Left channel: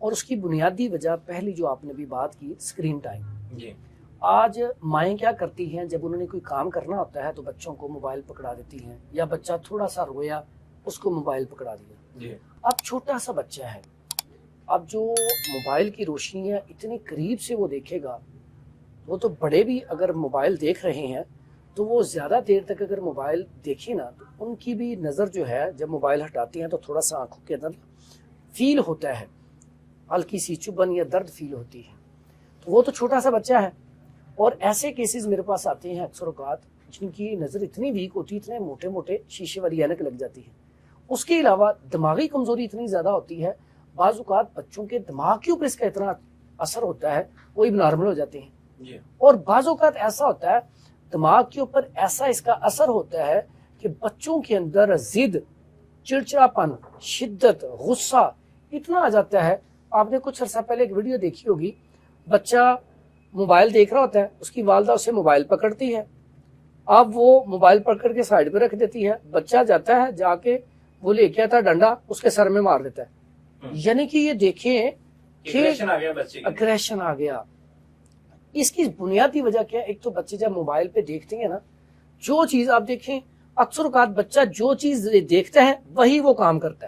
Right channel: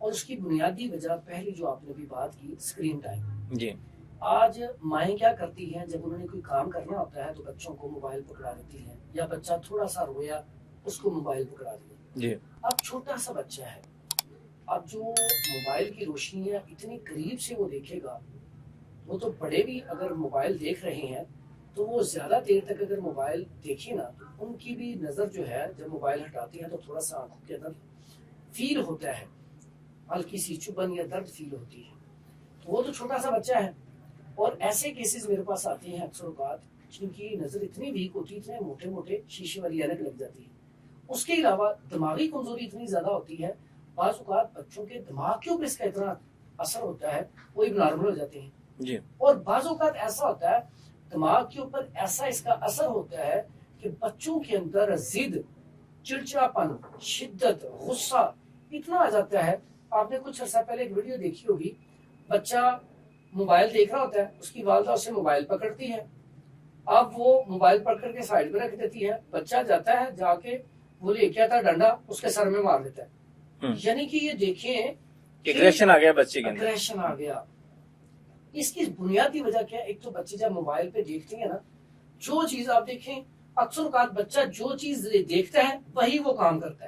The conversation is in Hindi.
और उसकी बुनियादी वजह पहली जो आपने भी बात की, स्क्रीन टाइम। जी आज माएँ क्या करती हैं, जब उन्होंने कोई काम करना होता है तो बच्चों को मोबाइल पकड़ा देती हैं, या बच्चा थोड़ा सा रोया उसको मोबाइल पकड़ा दिया। जी अब छोटा सा बच्चा है, अब जो मोबाइल की रोशनी है इतनी करीब से वो देखेगा, वो तो बड़े भी अगर मोबाइल देख रहे हैं तो वो ज़्यादा देर तक अगर मोबाइल देखे ना, तो उनकी भी नज़र जो है जब मोबाइल हटाती हैं तो थोड़ा सा आंखों के अंदर फील होता है, हल्की सी चुभन या दर्द फील होती है। तो वो तो छोटा सा बच्चा है, और ऐसे केसेस मेरे पास आते हैं अक्सर औकात जिनकी नज़र इतनी वीक होती है, इतने मोटे मोटे शीशे वाली ऐनक लग जाती है। उसके अलावा दिमागी कमजोरी इतनी ज़्यादा होती है, बाज़ औक़ात बच्चों के दिमाग के ऊपर इसका इतना असर होता है वो भी नॉर्मल हो जाते हैं। जी और बाज़ औक़ात ऐसा होता है दिमाग के ऊपर ऐसा इसका असर होता है कि बच्चों के अंदर जिद, चिड़चिड़ापन, शिद्दत, गुस्सा इतना आ जाता है। आपने कुछ अर्सा पहले एक वीडियो देखी होगी, बच्चा मोबाइल देख रहा होता है, उसकी वालदा उसे मोबाइल पकड़ती है, अब वो मोबाइल पकड़ के साइड पे रख देती है, बच्चा जाता है जाके वो लेके आता डंडा उसके सर में मार देता है। यानी कि ये देखें एग्रेशन आ गया बच्चे के अंदर। अग्रेशन आ गया। इसकी बुनियादी वजह क्या है? एक तो बच्चे जब मोबाइल पे देखते हैं ना, जो चीज आप देखें, अक्सर औकात बच्चा जो चीज देखता है वही वो काम करता है।